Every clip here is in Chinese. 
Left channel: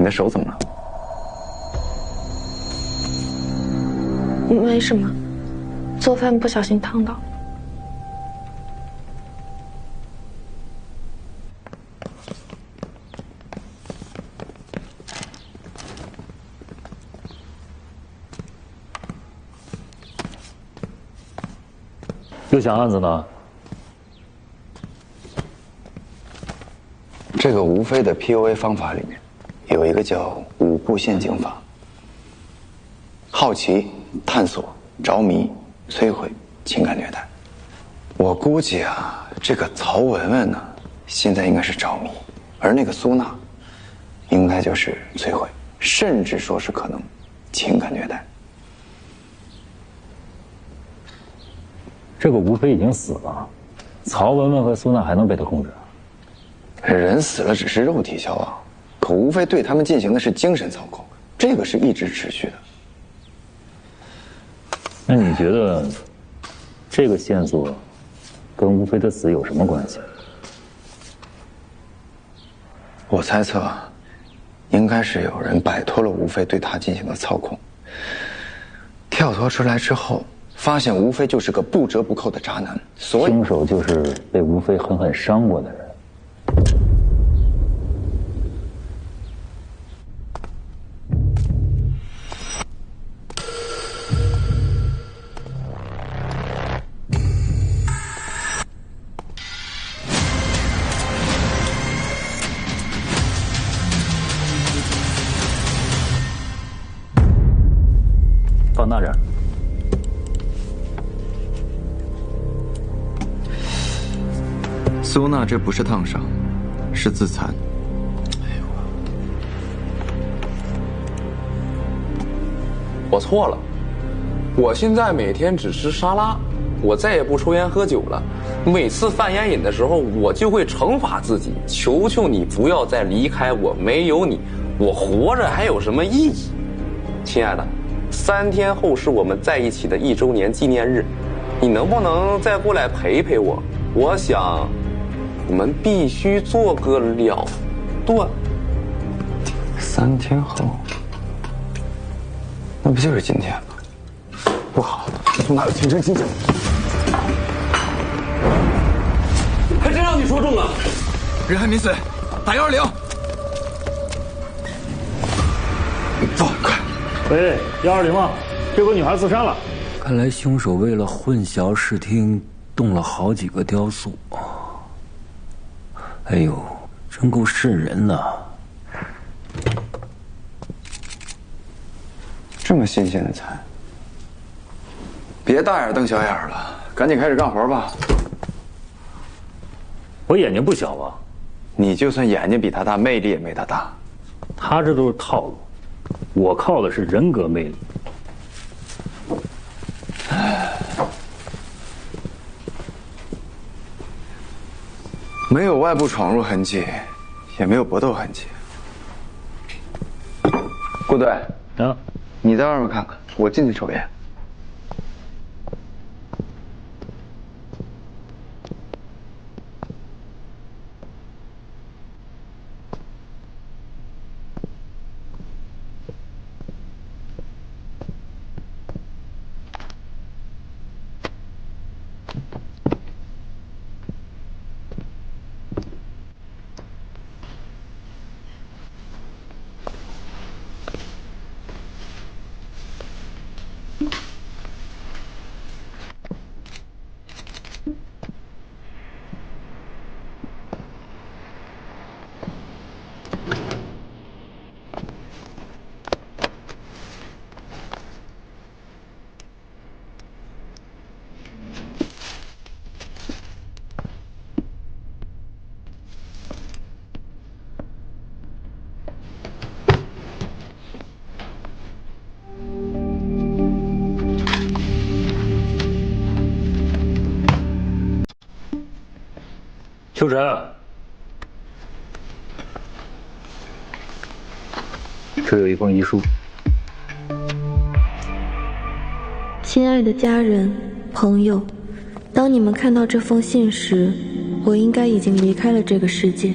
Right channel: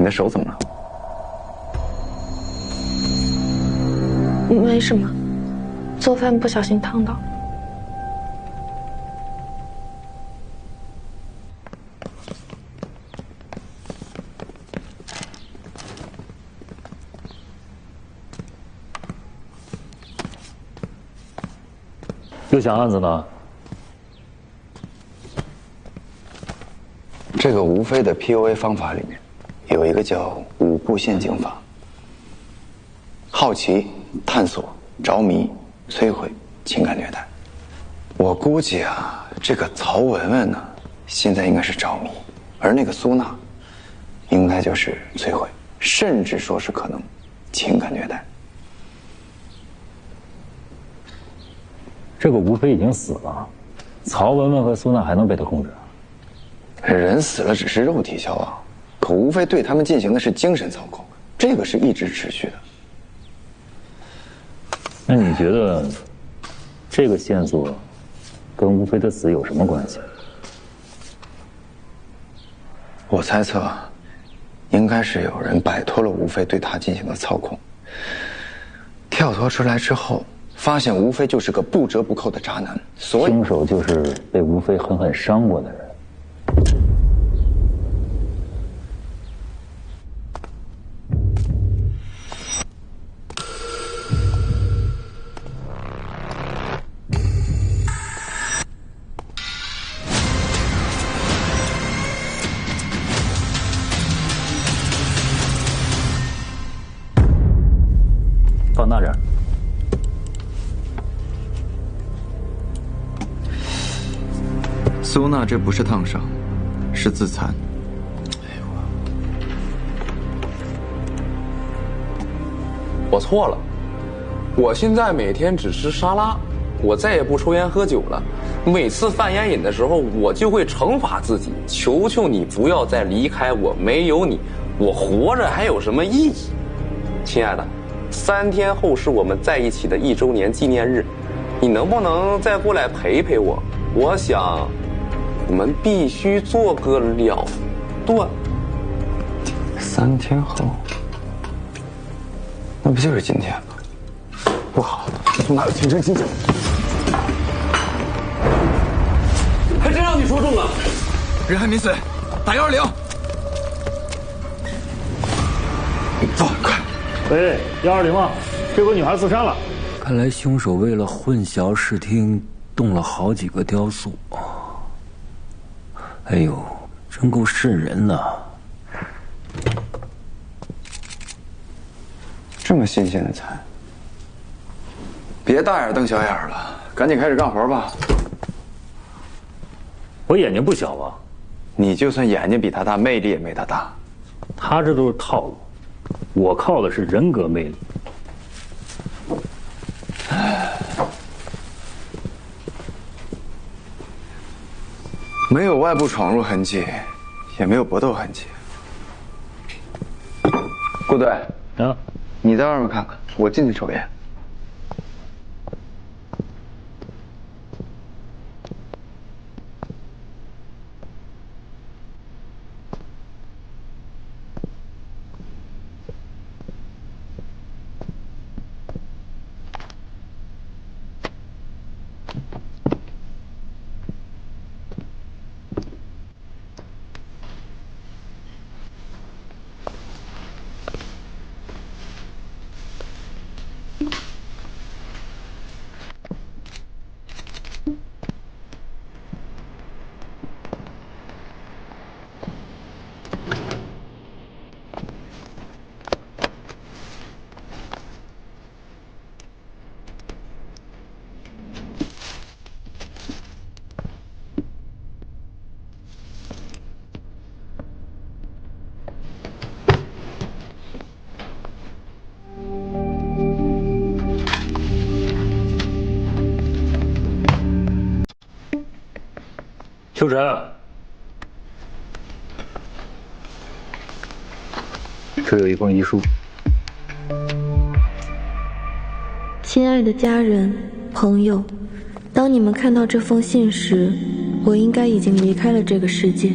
你的手怎么了？没什么，做饭不小心烫到。又想案子呢？这个吴非的 PUA 方法里面，有一个叫5步陷阱法：好奇、探索、着迷、摧毁、情感虐待。我估计啊，这个曹文文呢，现在应该是着迷，而那个苏娜，应该就是摧毁，甚至说是可能情感虐待。这个吴非已经死了，曹文文和苏娜还能被他控制？人死了只是肉体消亡，可吴非对他们进行的是精神操控，这个是一直持续的。那你觉得这个线索跟吴非的死有什么关系？我猜测，应该是有人摆脱了吴非对他进行的操控，跳脱出来之后，发现吴非就是个不折不扣的渣男，所以凶手就是被吴非狠狠伤过的人。放那点。苏娜这不是烫伤，是自残。我错了，我现在每天只吃沙拉，我再也不抽烟喝酒了。每次犯烟瘾的时候，我就会惩罚自己，求求你不要再离开我，没有你，我活着还有什么意义？亲爱的，3天后是我们在一起的1周年纪念日，你能不能再过来陪陪我？我想，我们必须做个了断。3天后，那不就是今天吗？不好，苏娜有精神倾向。还真让你说中了。人还没死，打120。走，快！喂，120吗？这个女孩自杀了。看来凶手为了混淆视听，动了好几个雕塑。哎呦，真够瘆人呐！这么新鲜的菜，别大眼瞪小眼了，赶紧开始干活吧。我眼睛不小啊，你就算眼睛比他大，魅力也没他大。他这都是套路，我靠的是人格魅力。没有外部闯入痕迹，也没有搏斗痕迹。顾队啊，你在外面看看，我进去抽烟。秋晨，这有一封遗书。亲爱的家人、朋友，当你们看到这封信时，我应该已经离开了这个世界。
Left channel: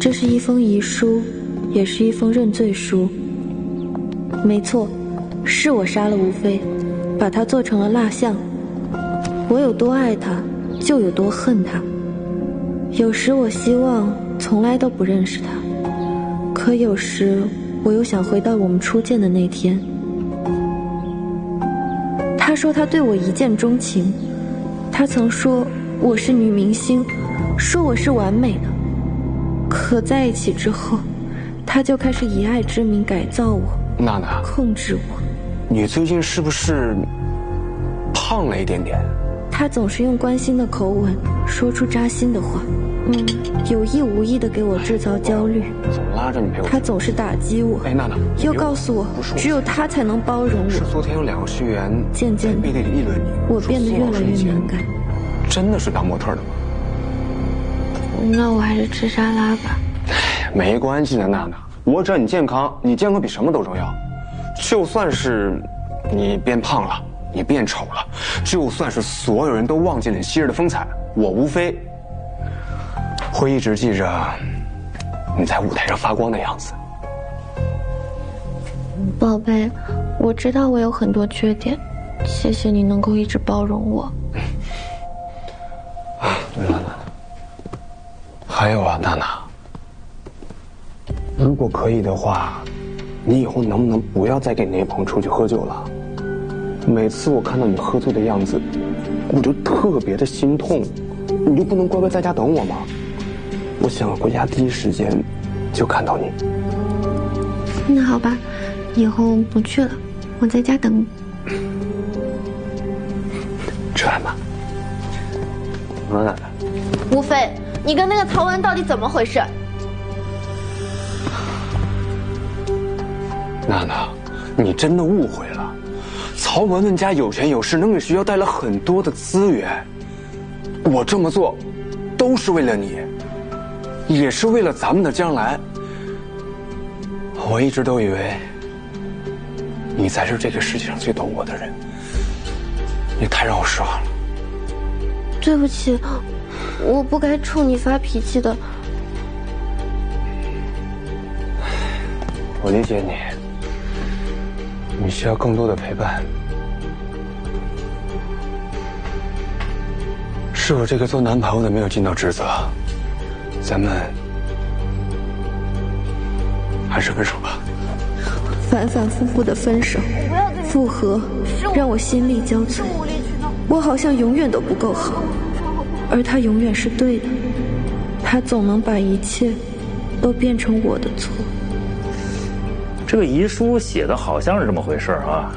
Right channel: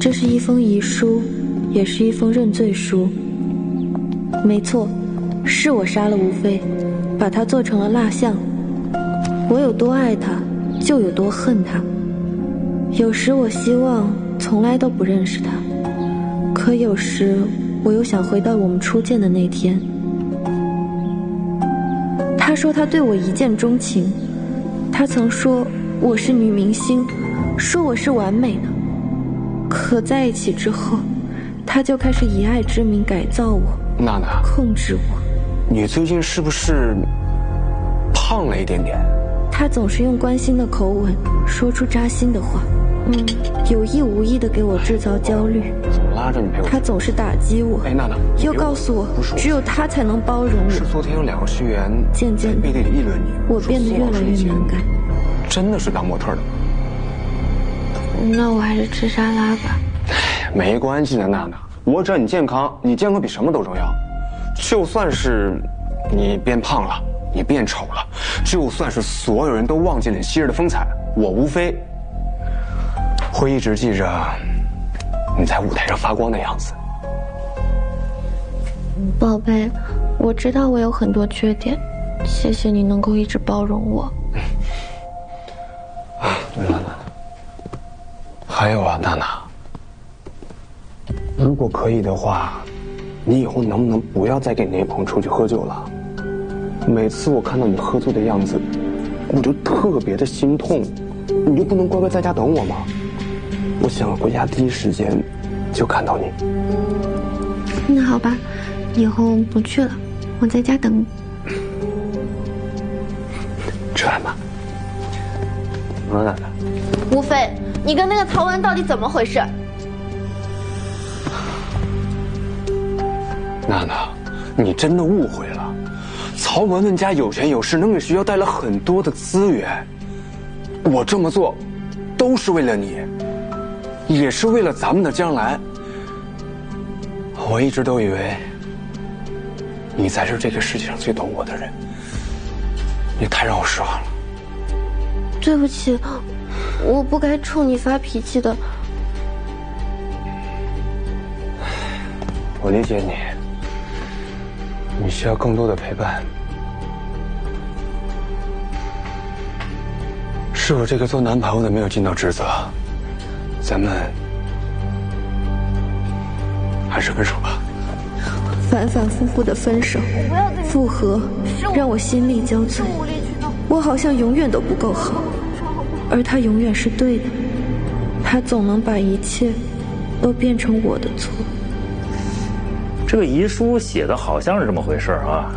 这是一封遗书，也是一封认罪书。没错，是我杀了吴非，把他做成了蜡像。我有多爱他，就有多恨他。有时我希望从来都不认识他，可有时我又想回到我们初见的那天。他说他对我一见钟情，他曾说我是女明星，说我是完美的。可在一起之后，他就开始以爱之名改造我，娜娜，控制我。你最近是不是胖了一点点？他总是用关心的口吻说出扎心的话，有意无意地给我制造焦虑。总拉着你陪我。他总是打击我。哎，娜娜，又告诉我只有他才能包容我。是昨天有2个学员渐渐的背地里议论你，我变得越来越敏感。真的是当模特的吗？那我还是吃沙拉吧。没关系的，娜娜，我只要你健康，你健康比什么都重要。就算是你变胖了，你变丑了，就算是所有人都忘记了你昔日的风采，我无非会一直记着你在舞台上发光的样子。宝贝，我知道我有很多缺点，谢谢你能够一直包容我。对了，娜娜，还有啊，娜娜，如果可以的话，你以后能不能不要再跟你那朋友出去喝酒了？每次我看到你喝醉的样子，我就特别的心痛。你就不能乖乖在家等我吗？我想回家第一时间就看到你。那好吧，以后不去了，我在家等你。吃饭吧。娜娜，吴非，你跟那个曹文到底怎么回事？娜娜，你真的误会了。曹文文家有权有势，能给学校带来很多的资源。我这么做，都是为了你，也是为了咱们的将来。我一直都以为，你才是这个世界上最懂我的人。你太让我失望了。对不起，我不该冲你发脾气的。我理解你，你需要更多的陪伴。是我这个做男朋友的没有尽到职责，咱们还是分手吧。反反复复的分手、复合，让我心力交瘁。我好像永远都不够好，而他永远是对的。他总能把一切都变成我的错。这个遗书写的好像是这么回事啊，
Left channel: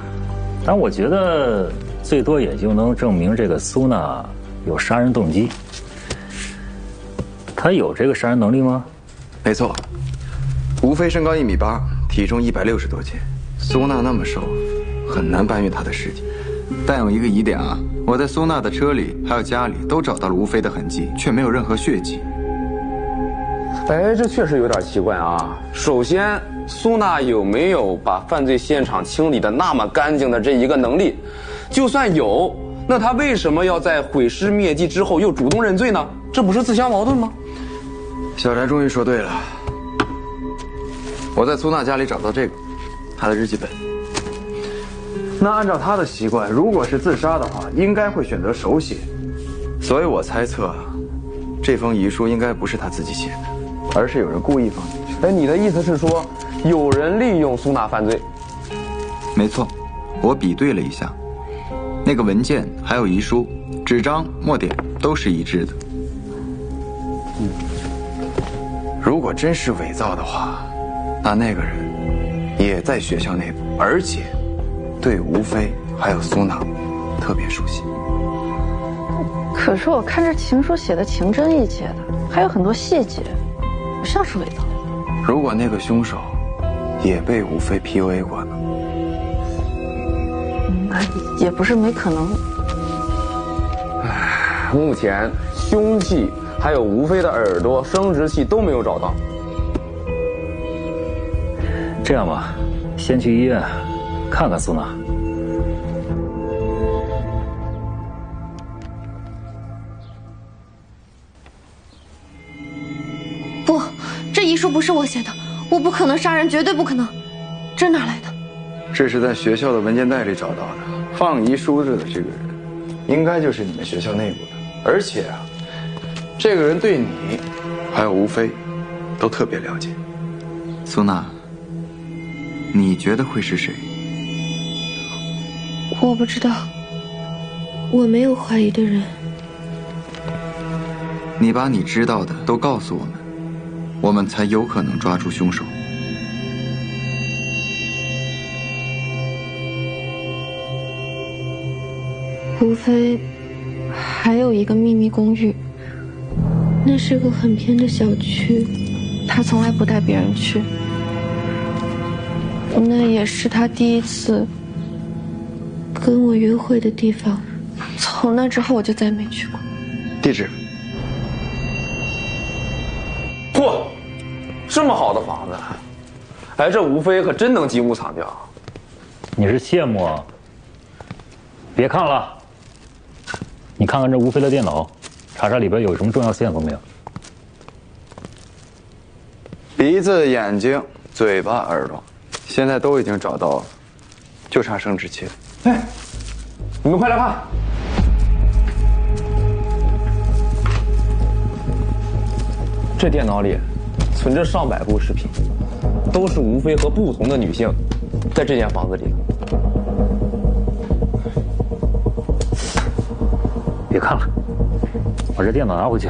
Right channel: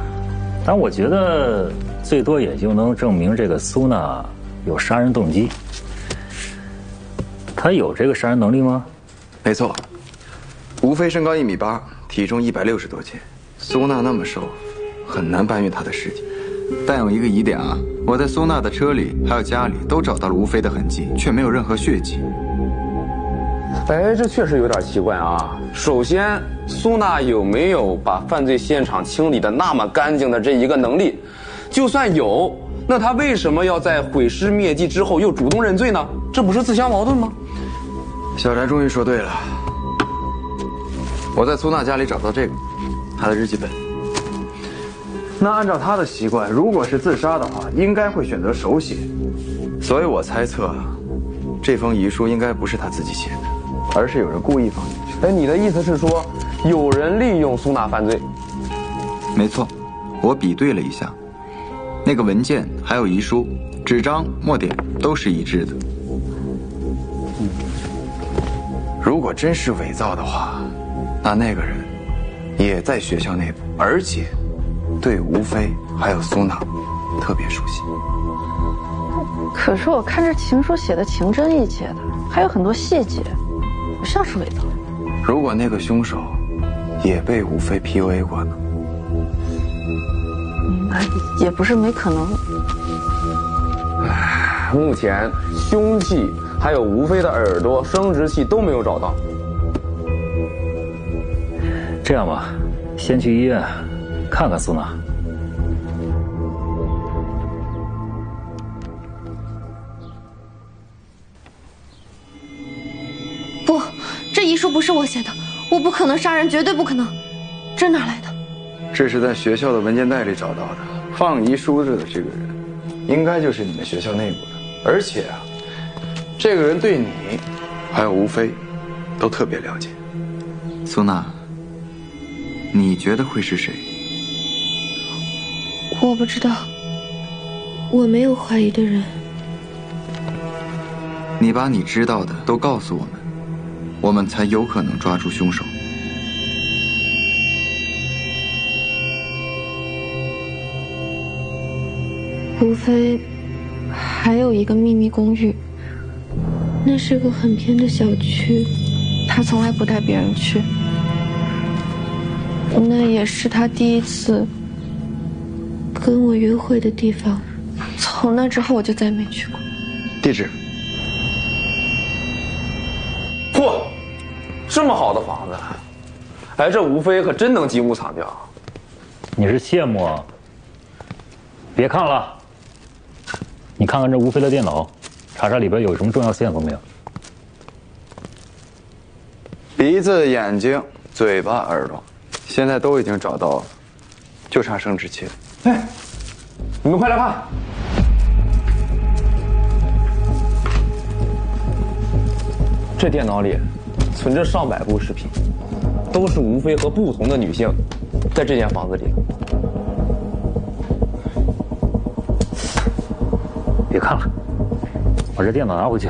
但我觉得最多也就能证明这个苏娜有杀人动机。她有这个杀人能力吗？没错，吴非身高1.8米，体重160多斤，苏娜那么瘦，很难搬运她的尸体。但有一个疑点啊，我在苏娜的车里还有家里都找到了吴非的痕迹，却没有任何血迹。哎，这确实有点奇怪啊。首先，苏娜有没有把犯罪现场清理的那么干净的这一个能力？就算有，那她为什么要在毁尸灭迹之后又主动认罪呢？这不是自相矛盾吗？小翟终于说对了，我在苏娜家里找到这个，她的日记本。那按照她的习惯，如果是自杀的话，应该会选择手写，所以我猜测，这封遗书应该不是她自己写的，而是有人故意放进去。哎，你的意思是说，有人利用苏娜犯罪？没错，我比对了一下，那个文件还有遗书，纸张、墨点都是一致的。如果真是伪造的话，那个人也在学校内部，而且对吴非还有苏娜特别熟悉。可是我看这情书写的情真意切的，还有很多细节，不像是伪造。如果那个凶手也被吴非 PUA 过呢？那也不是没可能。目前凶器还有吴非的耳朵、生殖器都没有找到。这样吧，先去医院看看苏娜。不，这遗书不是我写的，我不可能杀人，绝对不可能。这哪来的？这是在学校的文件袋里找到的。放遗书的这个人，应该就是你们学校内部的。而且啊，这个人对你，还有吴飞，都特别了解。苏娜，你觉得会是谁？我不知道，我没有怀疑的人。你把你知道的都告诉我们，我们才有可能抓住凶手。吴飞还有一个秘密公寓，那是个很偏的小区，他从来不带别人去。那也是他第一次跟我约会的地方，从那之后我就再没去过。地址？嚯，这么好的房子，哎，这吴飞可真能击鼓惨叫。你是羡慕啊？别看了，你看看这吴飞的电脑，查查里边有什么重要线索没有？鼻子、眼睛、嘴巴、耳朵，现在都已经找到了，就差生殖器了。哎，你们快来看！这电脑里存着上百部视频，都是吴飞和不同的女性在这间房子里。别看了，把这电脑拿回去，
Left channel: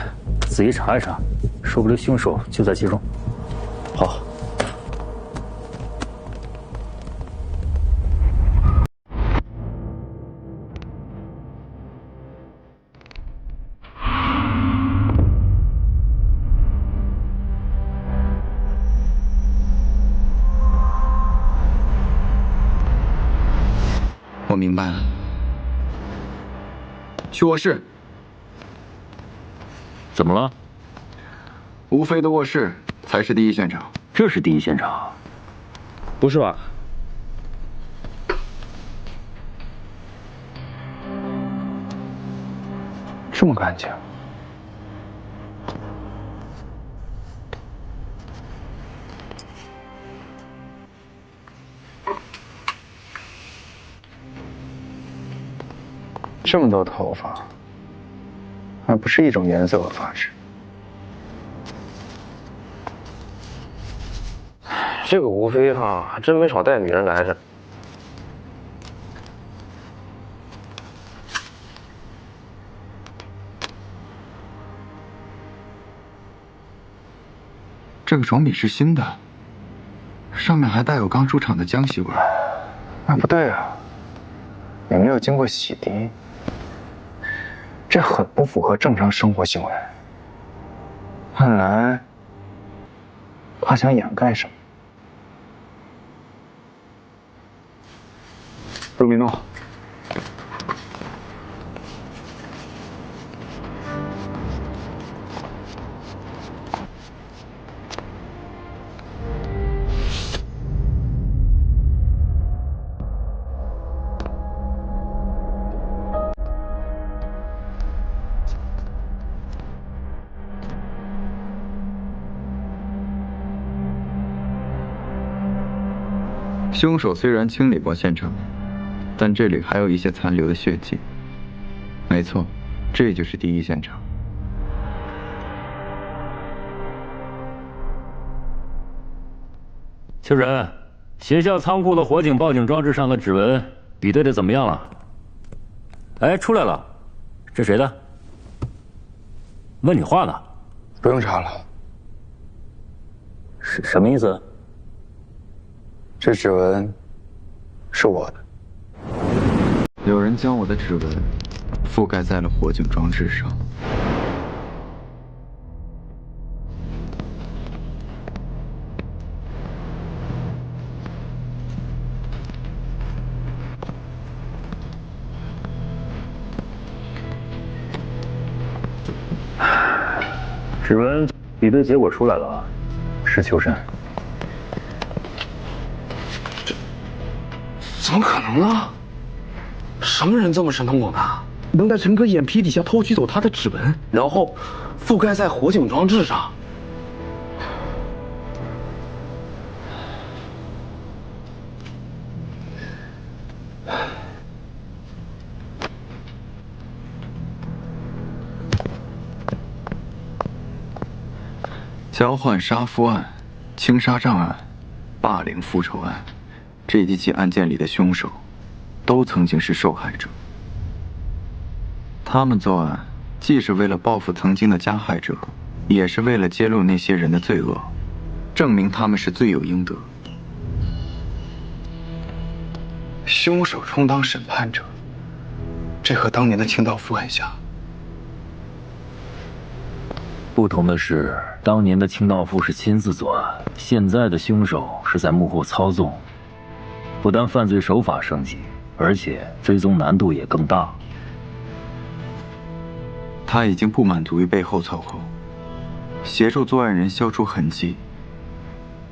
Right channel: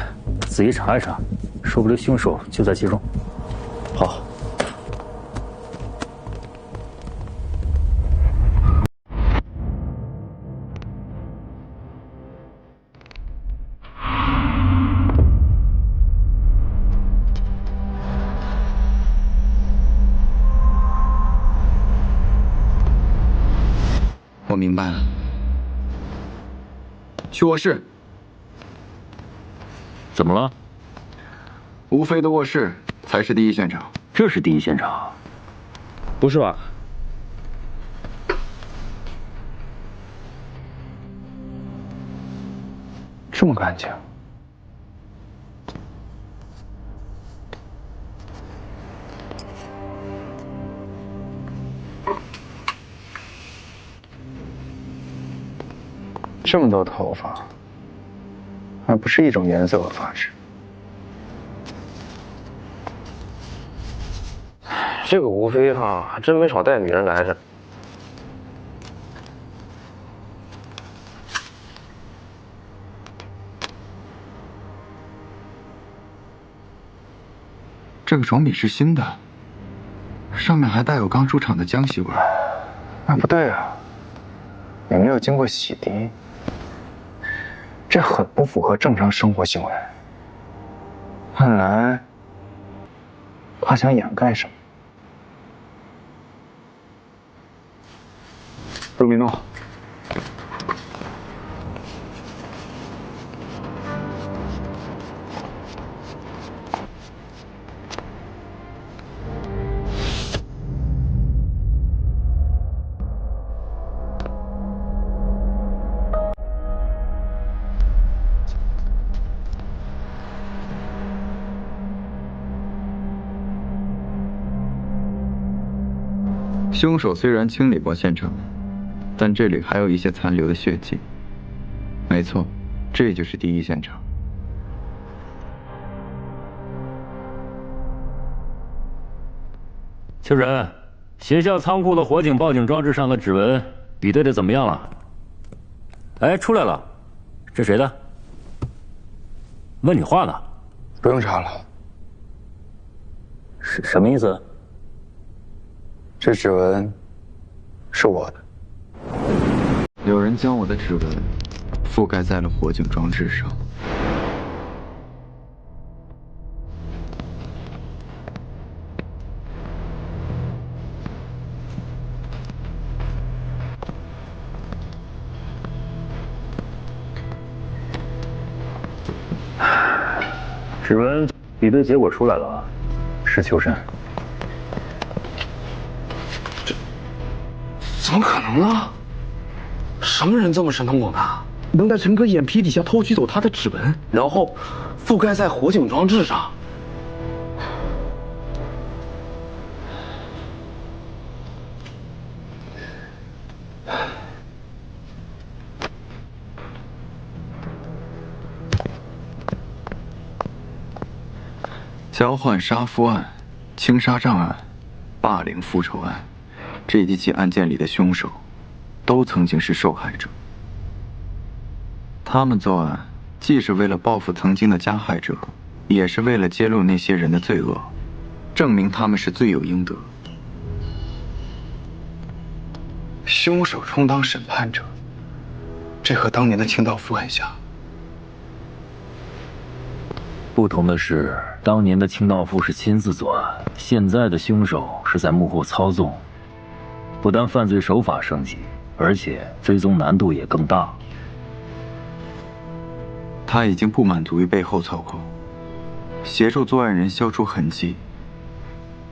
仔细查一查，说不定凶手就在其中。好。我明白了，去卧室。怎么了？吴飞的卧室才是第一现场。这是第一现场？不是吧？这么干净？这么多头发，还不是一种颜色和发质。这个吴飞哈，还真没少带女人来着。这个床品是新的，上面还带有刚出厂的浆洗味。那不对啊，也没有经过洗涤，这很不符合正常生活行为。看来他想掩盖什么。鲁米诺，凶手虽然清理过现场，但这里还有一些残留的血迹。没错，这就是第一现场。秋人，学校仓库的火警报警装置上的指纹比对的怎么样了？哎，出来了，这谁的？问你话呢。不用查了。是什么意思？这指纹是我的。有人将我的指纹覆盖在了火警装置上。指纹比对结果出来了，是秋山。怎么可能呢？什么人这么神通广大，能在陈哥眼皮底下偷取走他的指纹，然后覆盖在火警装置上？交换杀夫案、轻杀障案、霸凌复仇案，这几起案件里的凶手，都曾经是受害者。他们作案，既是为了报复曾经的加害者，也是为了揭露那些人的罪恶，证明他们是罪有应得。凶手充当审判者，这和当年的清道夫很像。不同的是，当年的清道夫是亲自作案，现在的凶手是在幕后操纵。不但犯罪手法升级，而且追踪难度也更大。他已经不满足于背后操控，协助作案人消除痕迹，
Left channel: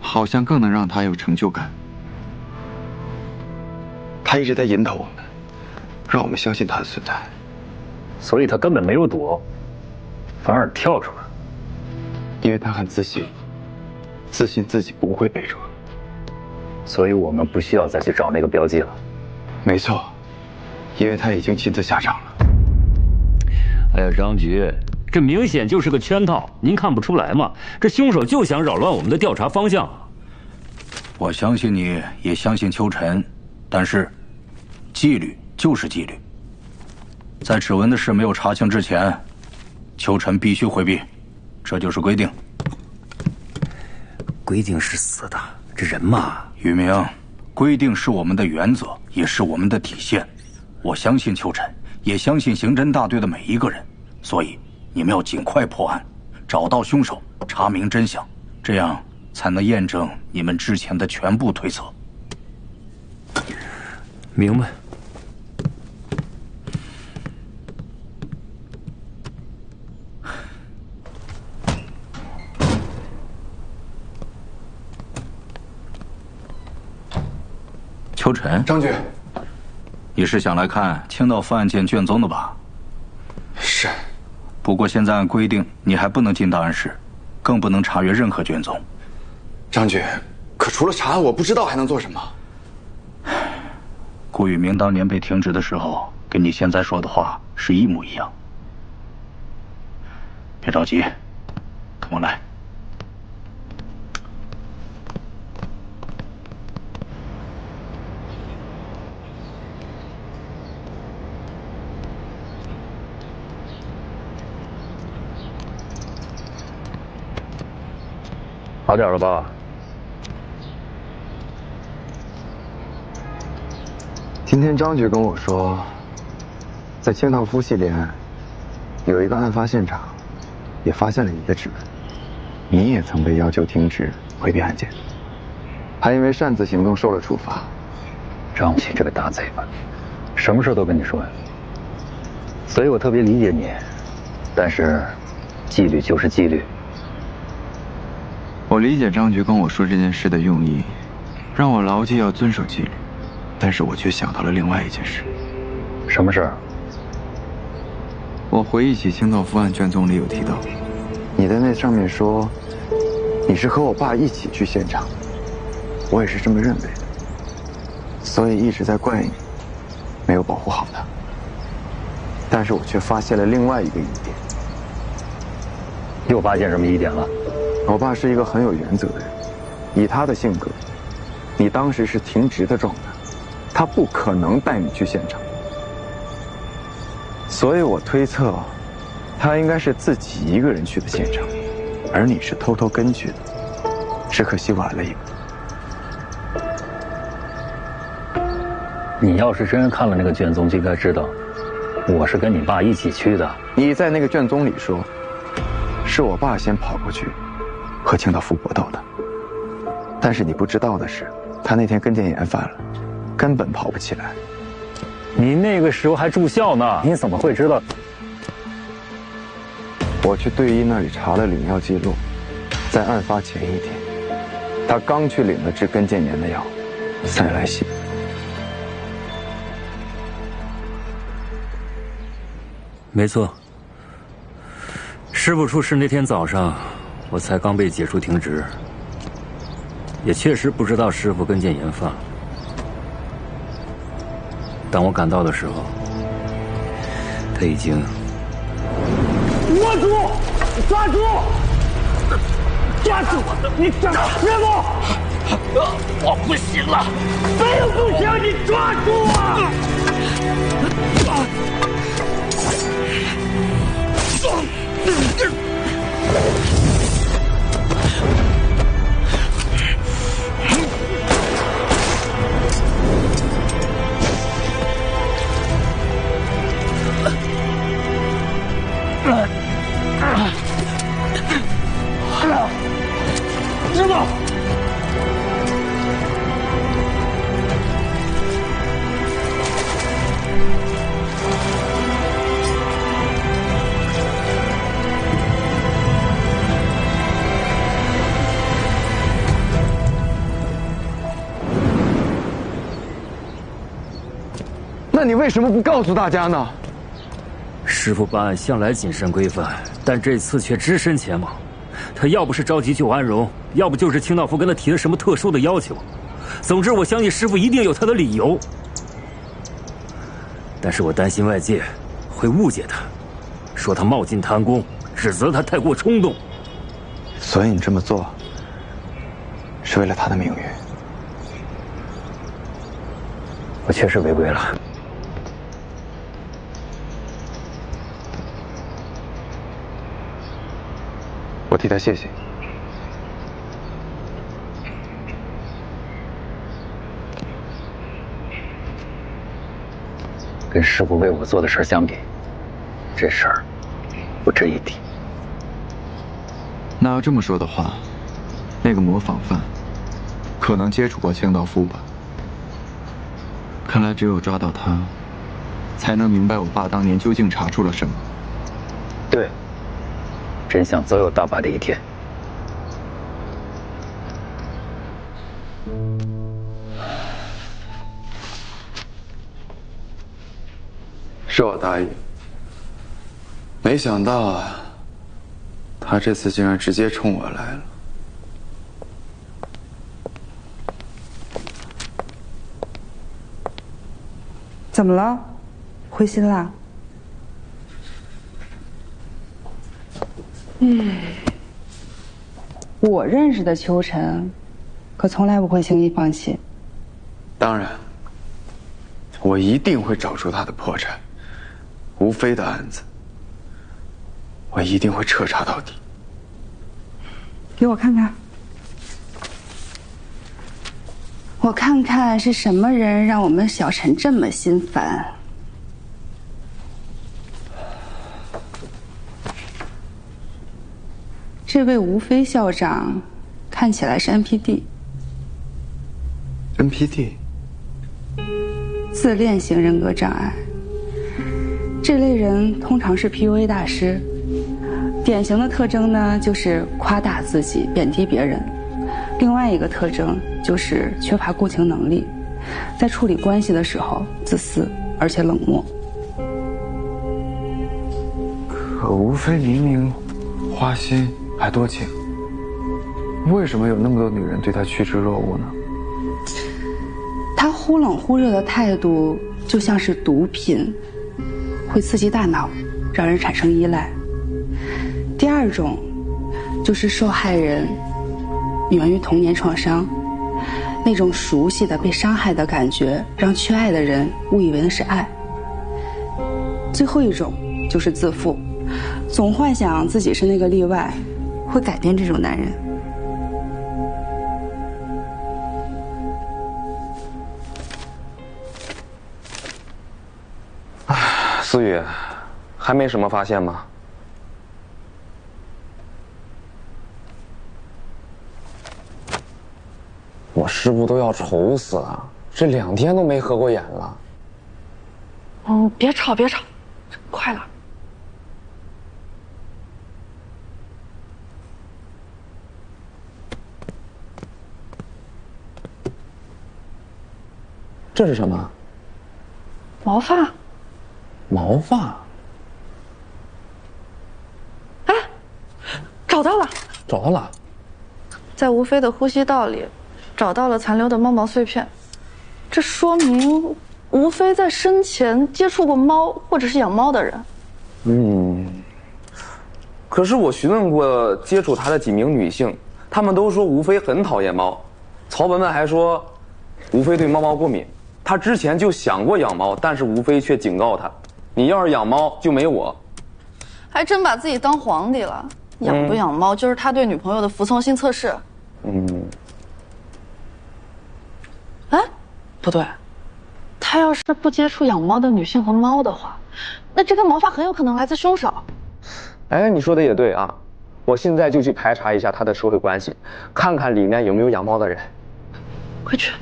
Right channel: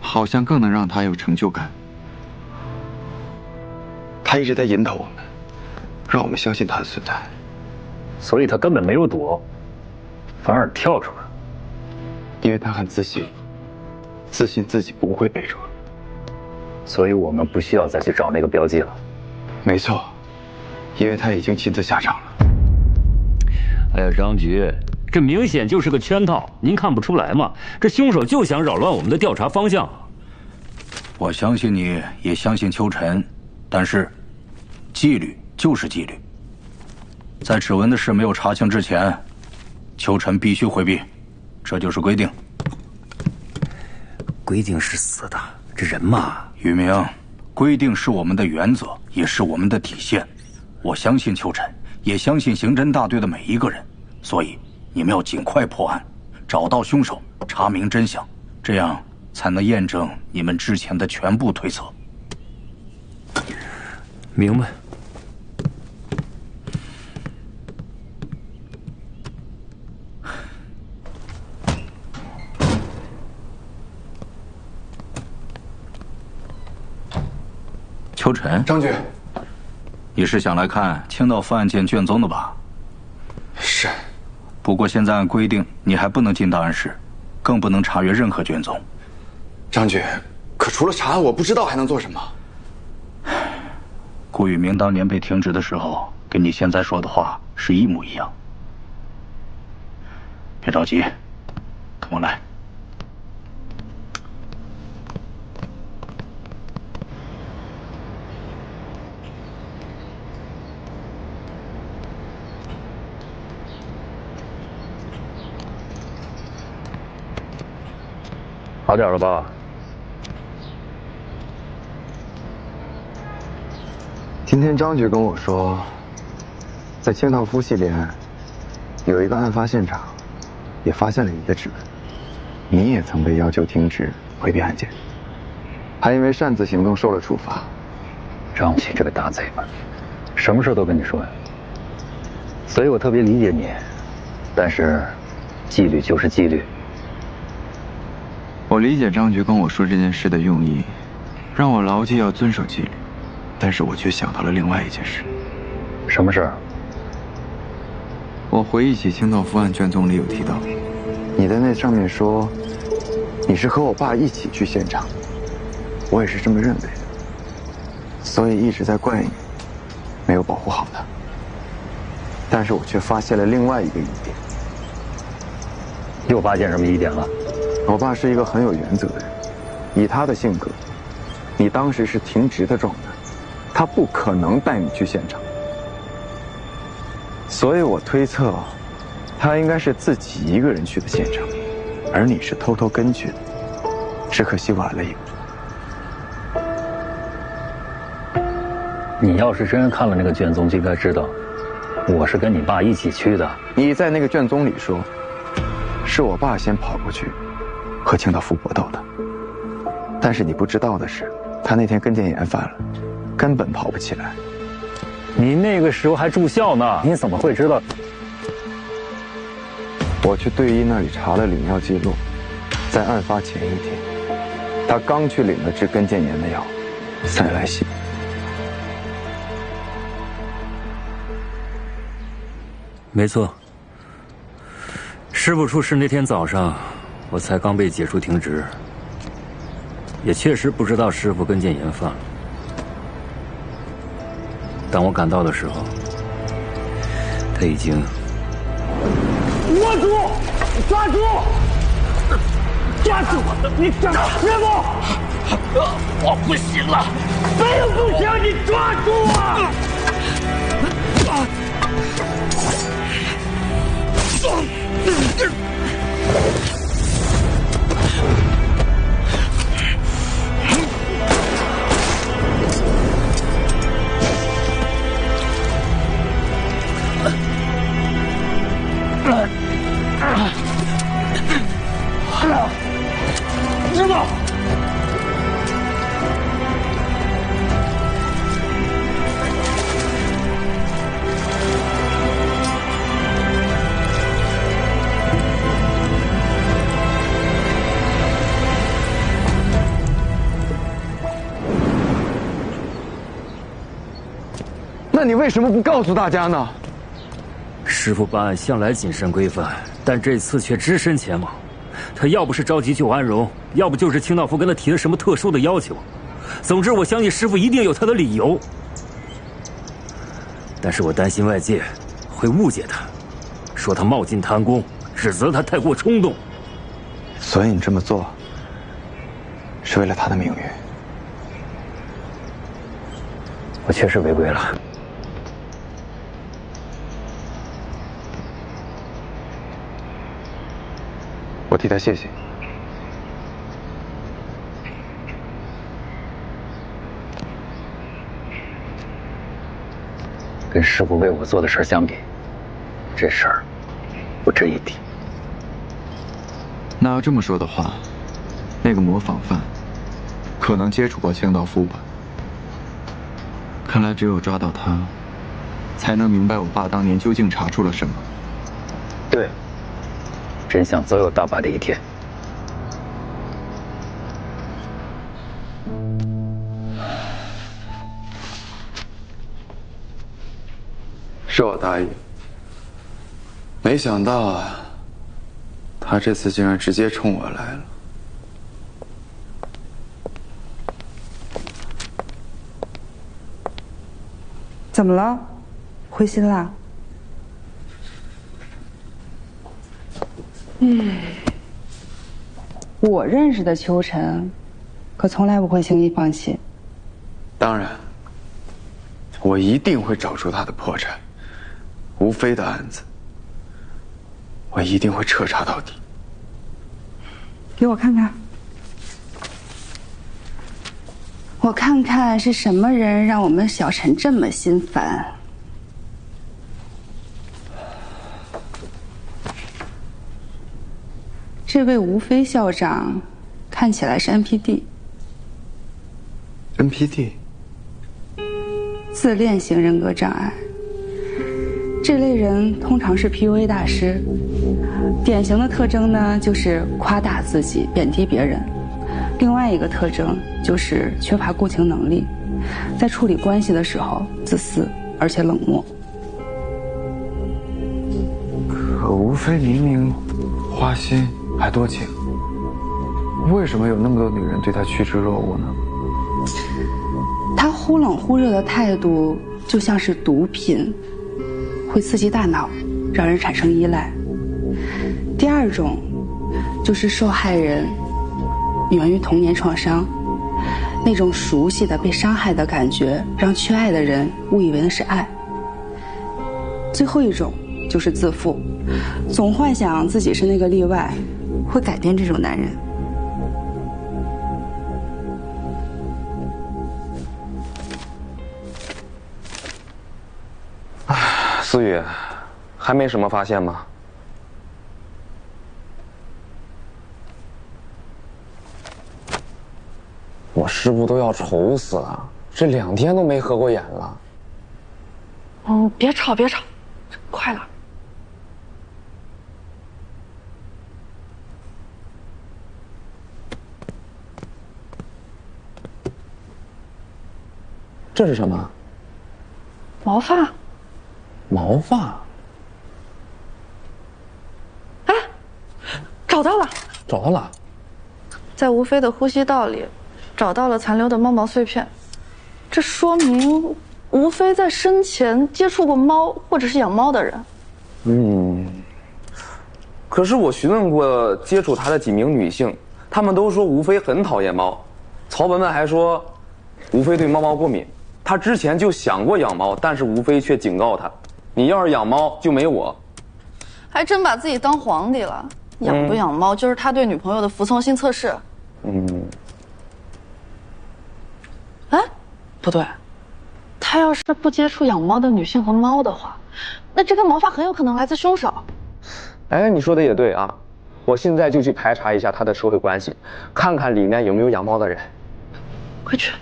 好像更能让他有成就感。他一直在引导我们，让我们相信他的存在。所以他根本没有躲，反而跳出来。因为他很自信，自信自己不会被抓。所以我们不需要再去找那个标记了。没错，因为他已经亲自下场了。哎呀，张局，这明显就是个圈套，您看不出来吗？这凶手就想扰乱我们的调查方向。我相信你，也相信秋晨，但是，纪律就是纪律。在指纹的事没有查清之前，秋晨必须回避，这就是规定。规定是死的，这人嘛，宇明，规定是我们的原则，也是我们的底线。我相信秋晨，也相信刑侦大队的每一个人，所以你们要尽快破案，找到凶手，查明真相，这样才能验证你们之前的全部推测。明白。秋晨，张局，你是想来看清道夫案件卷宗的吧？是。不过现在按规定，你还不能进档案室，更不能查阅任何卷宗。张局，可除了查案，我不知道还能做什么。顾宇明当年被停职的时候，跟你现在说的话是一模一样。别着急，跟我来。好点了吧？今天张局跟我说，在清道夫系列案有一个案发现场，也发现了你的指纹，你也曾被要求停职回避案件，还因为擅自行动受了处罚。张琪这个大贼吧，什么事都跟你说呀。所以我特别理解你，但是纪律就是纪律。我理解张局跟我说这件事的用意，让我牢记要遵守纪律，但是我却想到了另外一件事。什么事儿？我回忆起清道夫案卷宗里有提到，你在那上面说，你是和我爸一起去现场，我也是这么认为的，所以一直在怪你，没有保护好他。但是我却发现了另外一个疑点。又发现什么疑点了？我爸是一个很有原则的人，以他的性格，你当时是停职的状态，他不可能带你去现场，所以我推测，他应该是自己一个人去的现场，而你是偷偷跟去的，只可惜晚了一步。你要是真看了那个卷宗，就应该知道，我是跟你爸一起去的。你在那个卷宗里说，是我爸先跑过去和清道夫搏斗的，但是你不知道的是，他那天跟腱炎犯了，根本跑不起来。你那个时候还住校呢，你怎么会知道？我去队医那里查了领药记录，在案发前一天，他刚去领了治跟腱炎的药，塞来西。没错，师傅出事那天早上，我才刚被解除停职，也确实不知道师傅跟腱炎犯了。当我赶到的时候，他已经……握住！抓住！抓住我！你找师傅！我不行了，没有不行，你抓住我！师傅。那你为什么不告诉大家呢？师父办案向来谨慎规范，但这次却只身前往。他要不是着急救安荣，要不就是清道夫跟他提了什么特殊的要求。总之，我相信师父一定有他的理由。但是我担心外界会误解他，说他冒进贪功，指责他太过冲动。所以你这么做，是为了他的名誉。我确实违规了。我替他谢谢。跟师父为我做的事相比，这事儿不值一提。那要这么说的话，那个模仿犯可能接触过清道夫吧？看来只有抓到他，才能明白我爸当年究竟查出了什么。对，真相总有大白的一天。是我大意，没想到啊，他这次竟然直接冲我来了。怎么了？灰心啦？我认识的秋晨，可从来不会轻易放弃。当然，我一定会找出他的破绽。吴非的案子，我一定会彻查到底。给我看看，我看看是什么人让我们小陈这么心烦。这位吴非校长看起来是 NPD。自恋型人格障碍。这类人通常是 PUA 大师，典型的特征呢就是夸大自己，贬低别人。另外一个特征就是缺乏共情能力，在处理关系的时候自私而且冷漠。可吴非明明花心还多情，为什么有那么多女人对他趋之若鹜呢？他忽冷忽热的态度就像是毒品，会刺激大脑，让人产生依赖。第二种就是受害人源于童年创伤，那种熟悉的被伤害的感觉，让缺爱的人误以为那是爱。最后一种就是自负，总幻想自己是那个例外，会改变这种男人。思雨，还没什么发现吗？我师傅都要愁死了，这2天都没合过眼了。别吵别吵，快了。这是什么？毛发。毛发？哎，找到了！找到了，在吴非的呼吸道里，找到了残留的猫毛碎片，这说明吴非在生前接触过猫或者是养猫的人。可是我询问过接触他的几名女性，他们都说吴非很讨厌猫，曹文文还说吴非对猫过敏，他之前就想过养猫，但是吴非却警告他，你要是养猫就没我。还真把自己当皇帝了，养不养猫就是他对女朋友的服从性测试。哎，不对，他要是不接触养猫的女性和猫的话，那这根毛发很有可能来自凶手。哎，你说的也对啊，我现在就去排查一下他的社会关系，看看里面有没有养猫的人。快去。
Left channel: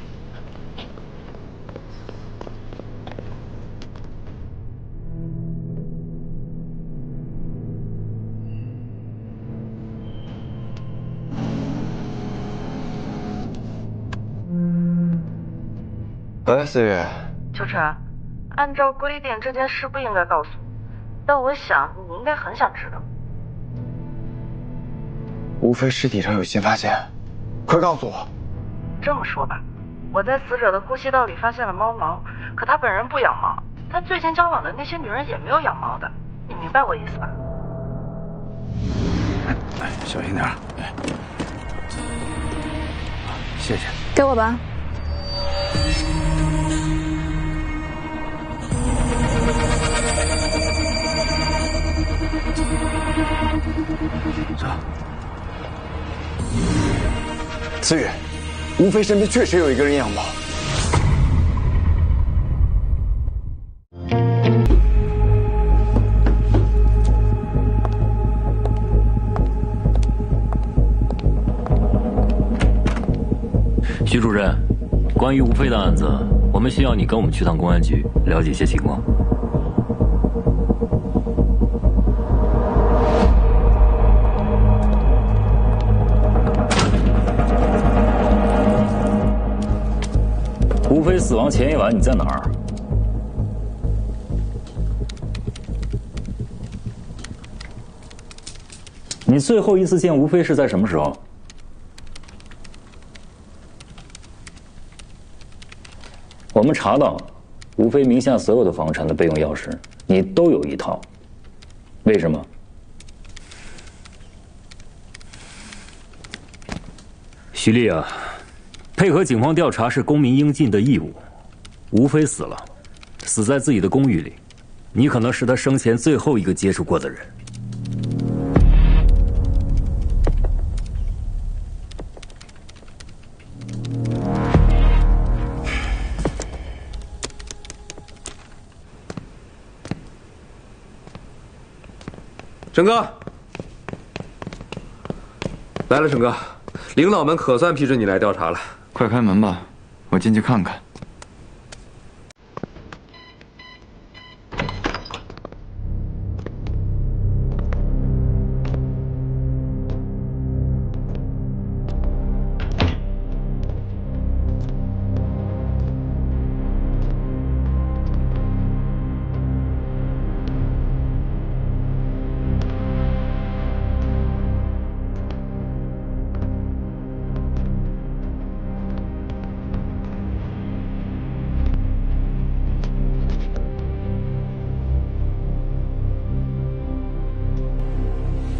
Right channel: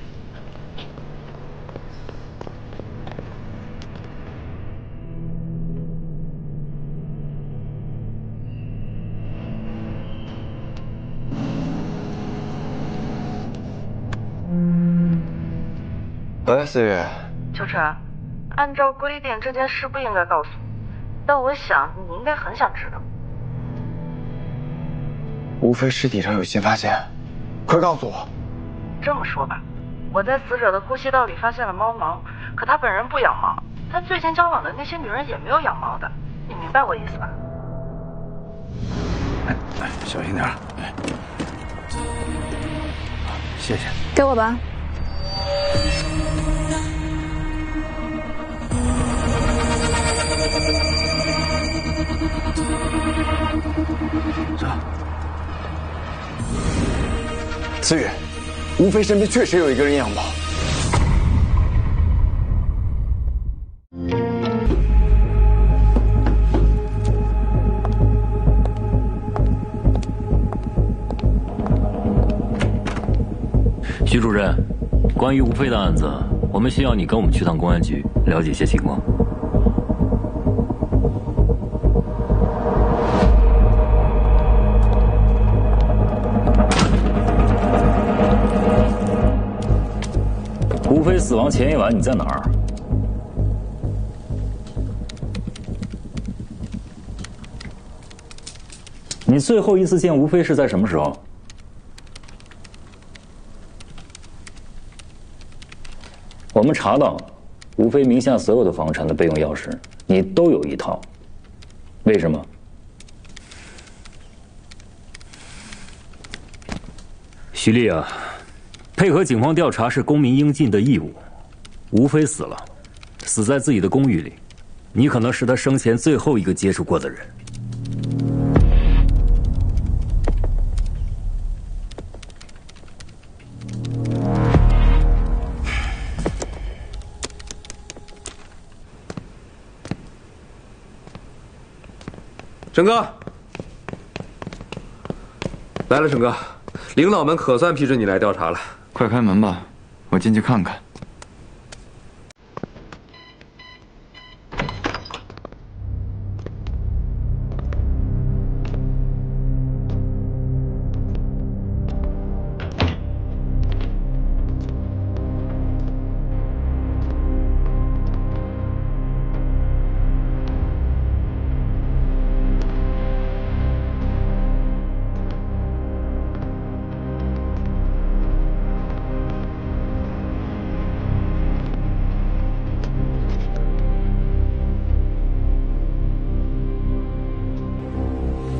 喂，思雨。秋晨，按照规定这件事不应该告诉你，但我想你应该很想知道。吴非尸体上有新发现，快告诉我。这么说吧，我在死者的呼吸道里发现了猫毛，可他本人不养猫，他最近交往的那些女人也没有养猫的，你明白我意思吧？哎，小心点。哎，谢谢。给我吧。走。思雨，吴非身边确实有一个人养猫。徐主任，关于吴非的案子，我们需要你跟我们去趟公安局，了解一些情况。吴非死亡前一晚你在哪儿？你最后一次见吴非是在什么时候？我们查到，吴非名下所有的房产的备用钥匙，你都有一套，为什么？徐丽啊，配合警方调查是公民应尽的义务。吴非死了，死在自己的公寓里，你可能是他生前最后一个接触过的人。沈哥，来了，沈哥，领导们可算批准你来调查了。快开门吧，我进去看看。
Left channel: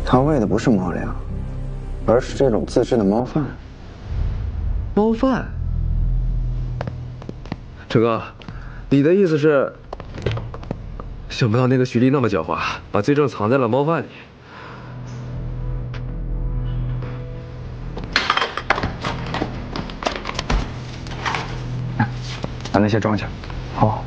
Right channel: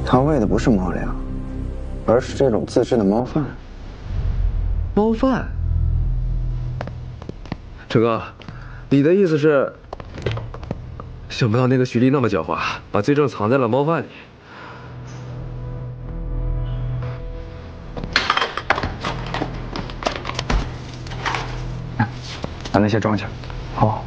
他喂的不是猫粮，而是这种自制的猫饭。猫饭？陈哥，你的意思是，想不到那个徐丽那么狡猾，把罪证藏在了猫饭里。把那些装下。好。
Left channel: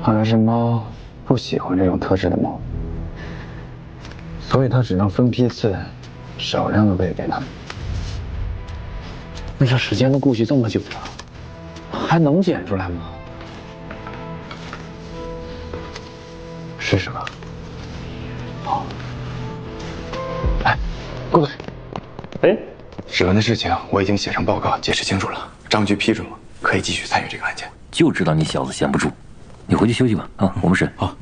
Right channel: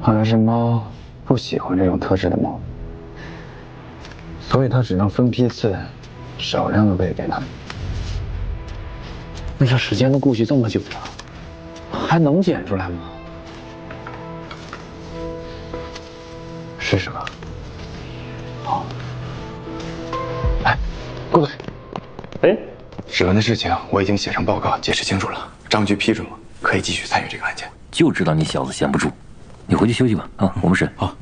好像是猫不喜欢这种特质的猫，所以他只能分批次，少量的喂给他们。那这时间都过去这么久了，还能检出来吗？试试吧。好。哎，顾队。哎，史文的事情我已经写上报告，解释清楚了，张局批准我可以继续参与这个案件。就知道你小子闲不住，你回去休息吧。啊，我们审。好。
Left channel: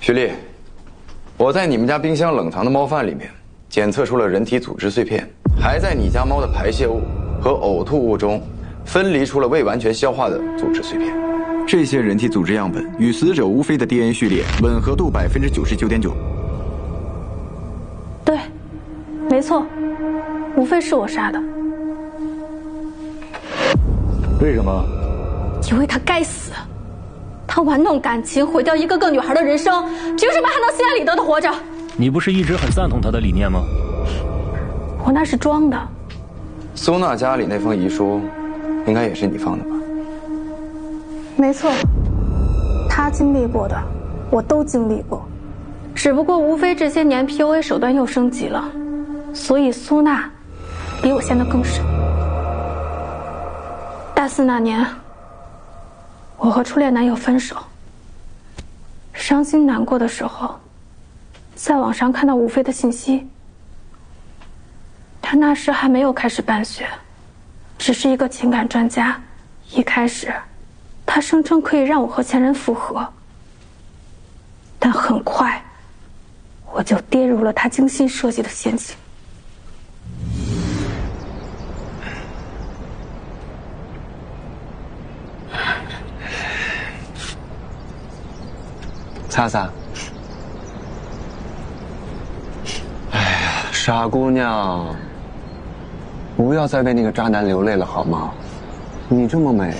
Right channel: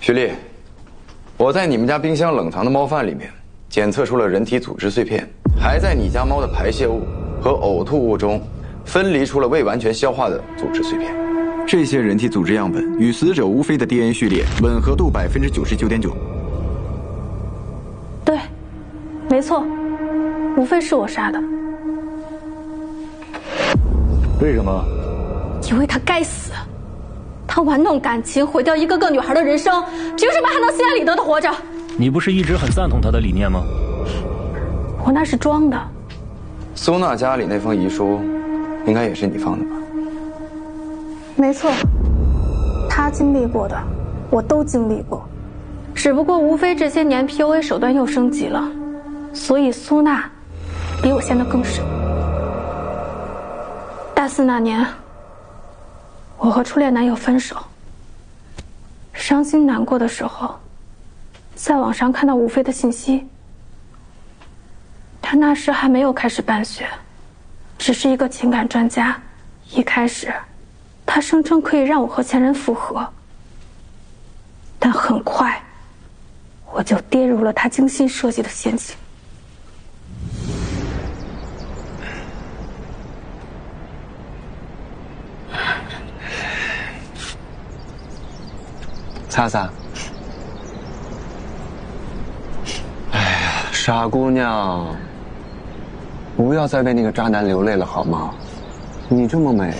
徐丽，我在你们家冰箱冷藏的猫饭里面检测出了人体组织碎片，还在你家猫的排泄物和呕吐物中分离出了未完全消化的组织碎片。这些人体组织样本与死者吴飞的 DNA 序列吻合度99.9%。对，没错，无非是我杀的。为什么？因为他该死。他玩弄感情，毁掉一个个女孩的人生，凭什么还能心安理得的活着？你不是一直很赞同他的理念吗？我那是装的。苏娜家里那封遗书，应该也是你放的吧？没错，他经历过的，我都经历过。只不过无非这些年 PUA 手段又升级了，所以苏娜比我陷得更深。大4那年，我和初恋男友分手，伤心难过的时候，在网上看到吴飞的信息。他那时还没有开始办学，只是一个情感专家。一开始，他声称可以让我和前任复合，但很快，我就跌入了他精心设计的陷阱。擦擦。哎呀，傻姑娘，不要再为那个渣男流泪了好吗？你这么美，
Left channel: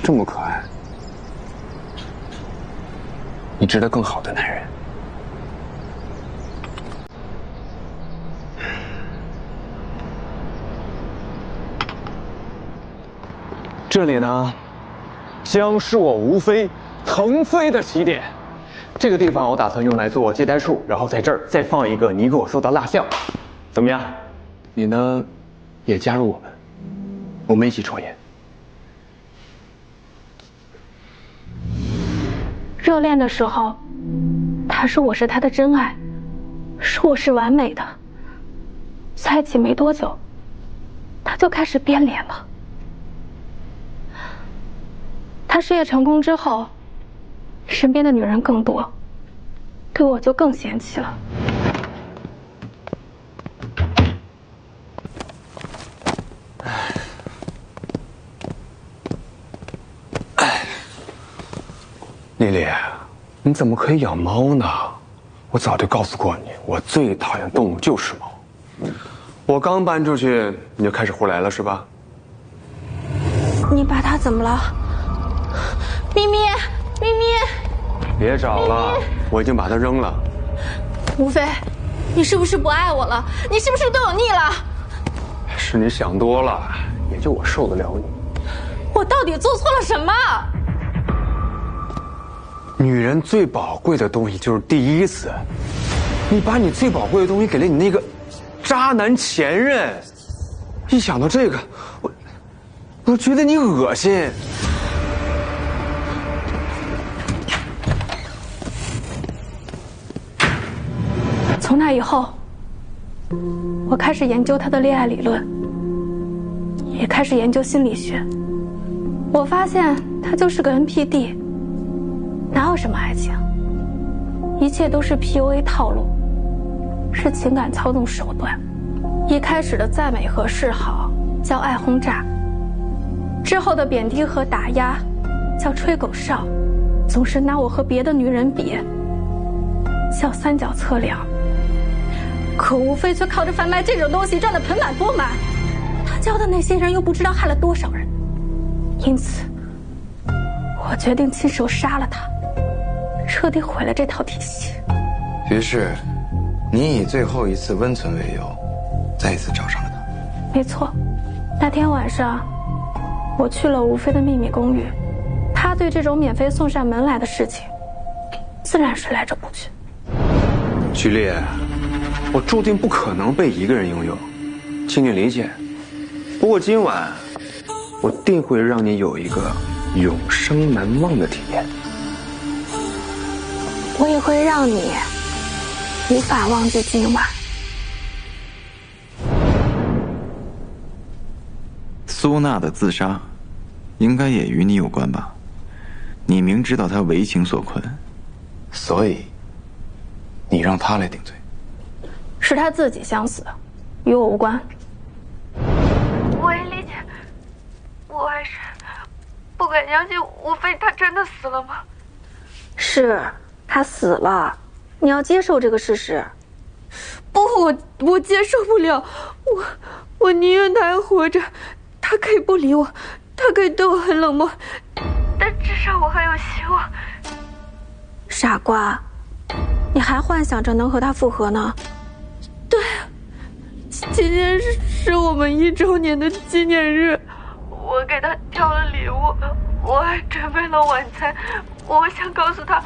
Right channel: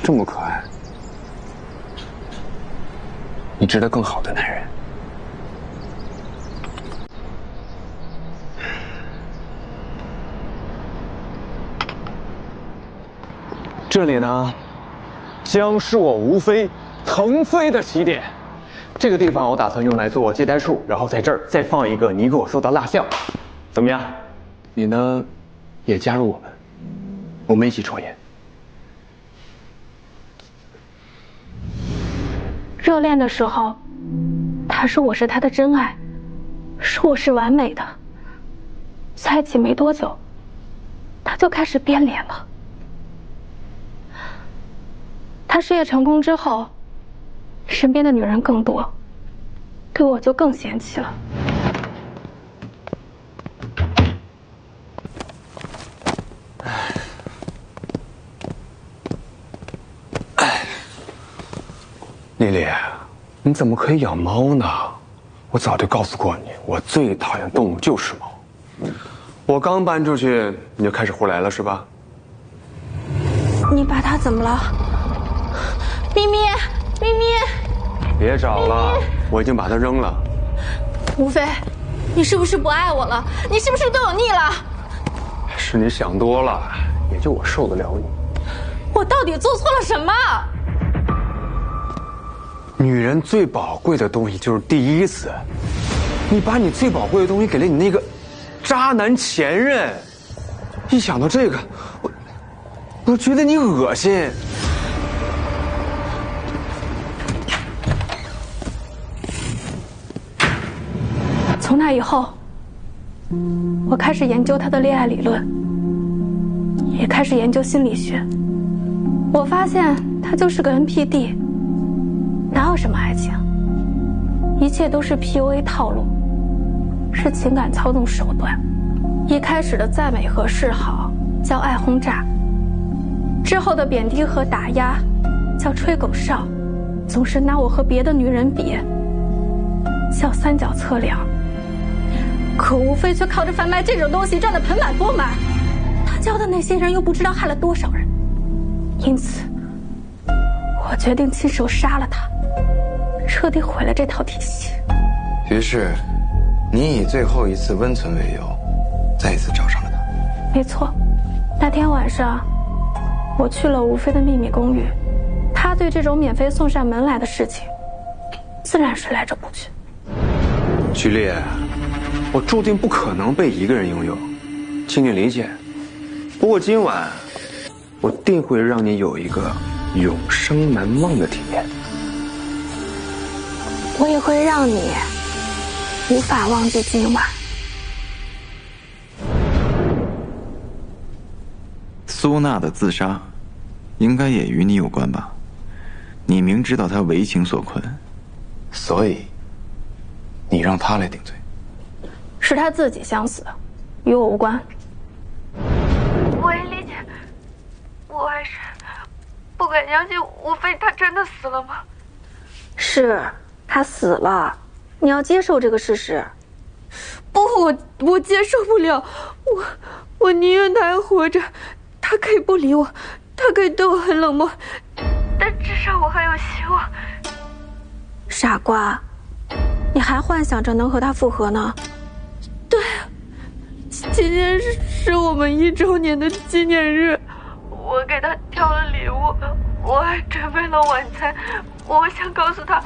这么可爱，你值得更好的男人。这里呢，将是我吴飞腾飞的起点。这个地方我打算用来做接待处，然后在这儿再放一个你给我说的蜡像，怎么样？你呢，也加入我们一起创业。热恋的时候，他说我是他的真爱，说我是完美的。在一起没多久，他就开始变脸了。他事业成功之后，身边的女人更多，对我就更嫌弃了。丽丽，你怎么可以养猫呢？我早就告诉过你，我最讨厌动物就是猫。我刚搬出去，你就开始胡来了是吧？你把它怎么了？咪咪，咪咪，别找了，我已经把它扔了。吴飞，你是不是不爱我了？你是不是对我腻了？是你想多了，也就我受得了你。我到底做错了什么？女人最宝贵的东西就是第一次，你把你最宝贵的东西给了你那个渣男前任，一想到这个，我觉得你恶心。从那以后，我开始研究他的恋爱理论，也开始研究心理学。我发现他就是个 NPD。哪有什么爱情？一切都是 PUA 套路，是情感操纵手段。一开始的赞美和示好叫爱轰炸，之后的贬低和打压叫吹狗哨，总是拿我和别的女人比，叫三角测量。可吴飞却靠着贩卖这种东西赚得盆满钵满，他教的那些人又不知道害了多少人。因此，我决定亲手杀了他。彻底毁了这套体系。于是，你以最后一次温存为由，再一次找上了他。没错，那天晚上，我去了吴飞的秘密公寓，他对这种免费送上门来的事情，自然是来者不拒。剧烈，我注定不可能被一个人拥有，请你理解。不过今晚，我定会让你有一个永生难忘的体验。我也会让你无法忘记今晚。苏娜的自杀，应该也与你有关吧？你明知道她为情所困，所以你让她来顶罪。是他自己想死，与我无关。我也理解，我还是不敢相信吴飞他真的死了吗？是，他死了，你要接受这个事实。不，我接受不了，我宁愿他还活着，他可以不理我，他可以对我很冷漠，但至少我还有希望。傻瓜，你还幻想着能和他复合呢？对，今天是我们1周年的纪念日，我给他挑了礼物，我还准备了晚餐。我想告诉他，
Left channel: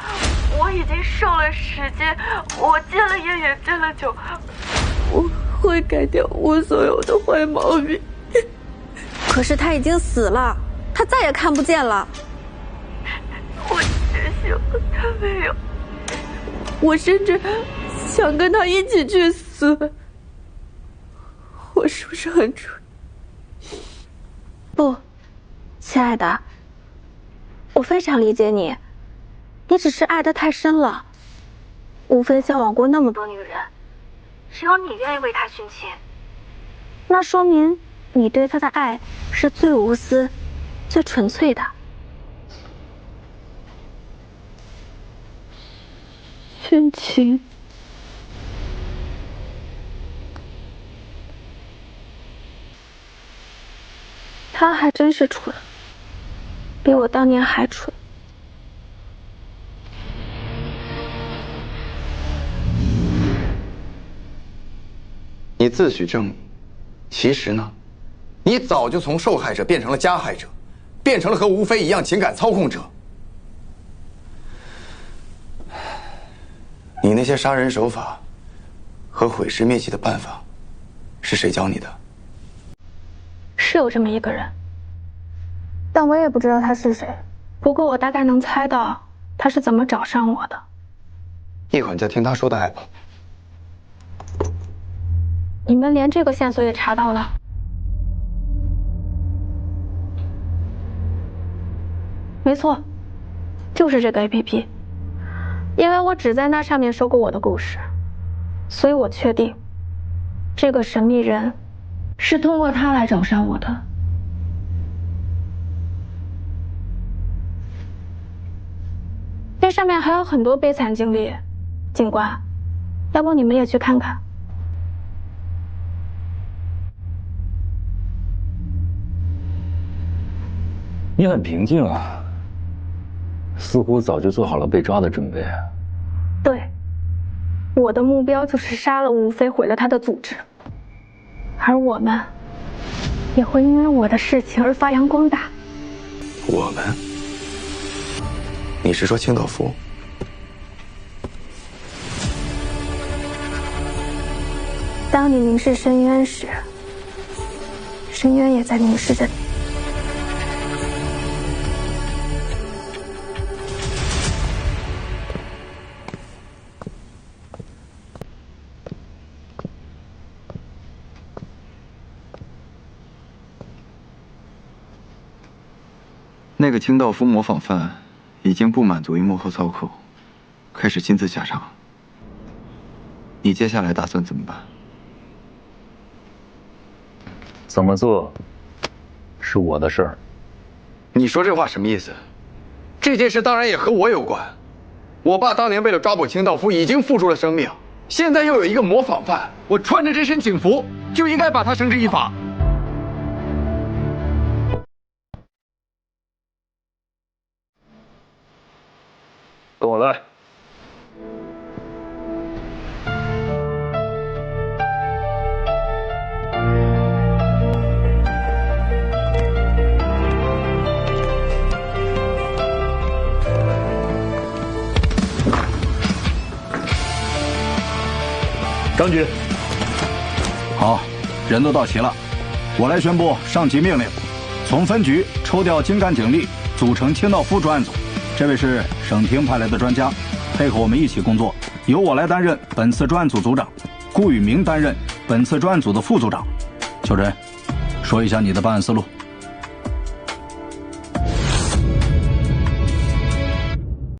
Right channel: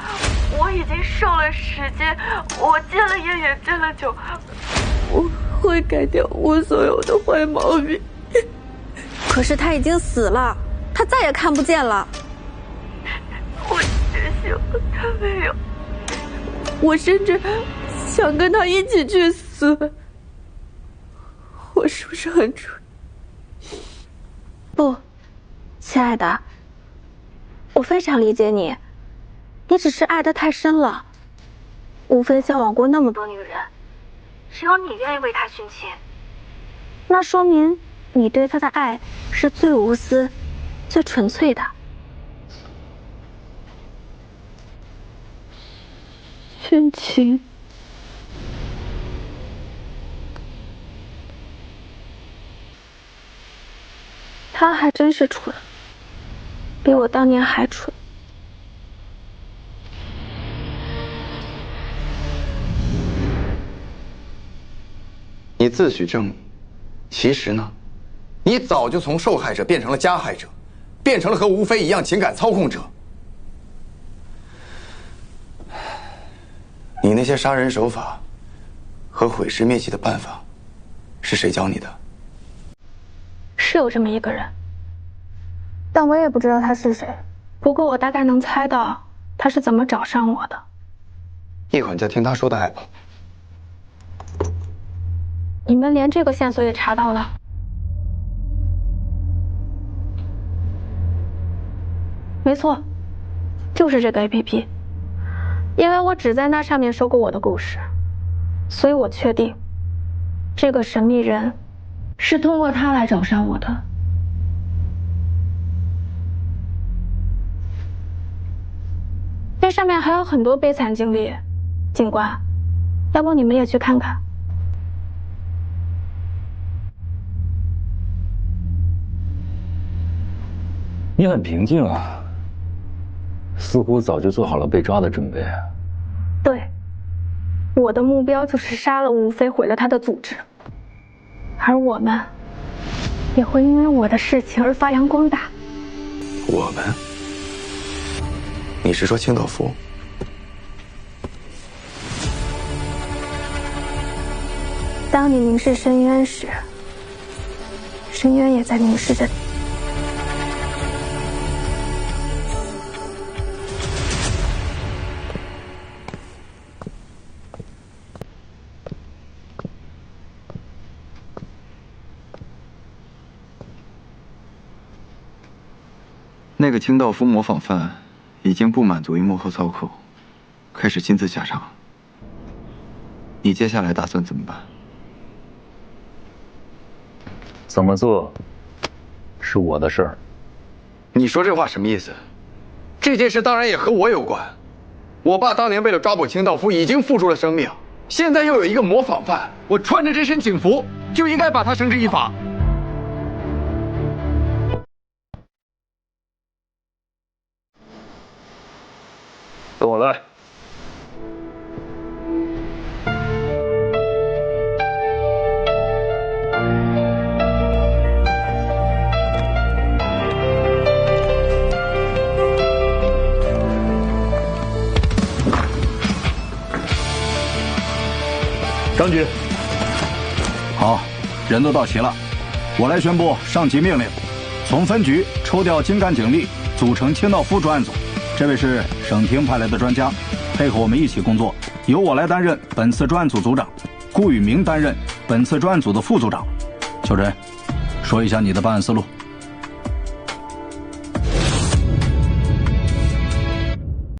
我已经瘦了10斤，我戒了烟也戒了酒，我会改掉我所有的坏毛病。可是他已经死了，他再也看不见了。我只希望他没有。我甚至想跟他一起去死。我是不是很蠢？不，亲爱的，我非常理解你，你只是爱得太深了。吴飞交往过那么多女人，只有你愿意为他殉情，那说明你对他的爱是最无私、最纯粹的。殉情？他还真是蠢，比我当年还蠢。你自诩正义，其实呢，你早就从受害者变成了加害者，变成了和吴飞一样情感操控者。你那些杀人手法和毁尸灭迹的办法，是谁教你的？是有这么一个人，但我也不知道他是谁。不过我大概能猜到他是怎么找上我的。一会儿你再听他说的爱吧。你们连这个线索也查到了？没错，就是这个 APP。因为我只在那上面说过我的故事，所以我确定，这个神秘人是通过他来找上我的。这上面还有很多悲惨经历，警官，要不你们也去看看？你很平静啊，似乎早就做好了被抓的准备。对，我的目标就是杀了吴飞，毁了他的组织，而我们也会因为我的事情而发扬光大。我们？你是说清道夫？当你凝视深渊时，深渊也在凝视着你。那个清道夫模仿犯已经不满足于幕后操控，开始亲自下场。你接下来打算怎么办？怎么做，是我的事儿。你说这话什么意思？这件事当然也和我有关。我爸当年为了抓捕清道夫已经付出了生命，现在又有一个模仿犯，我穿着这身警服就应该把他绳之以法。跟我来。张局。好，人都到齐了，我来宣布上级命令：从分局抽调精干警力，组成清道夫专案组。这位是省厅派来的专家，配合我们一起工作，由我来担任本次专案组组长，顾宇明担任本次专案组的副组长。秋晨，说一下你的办案思路。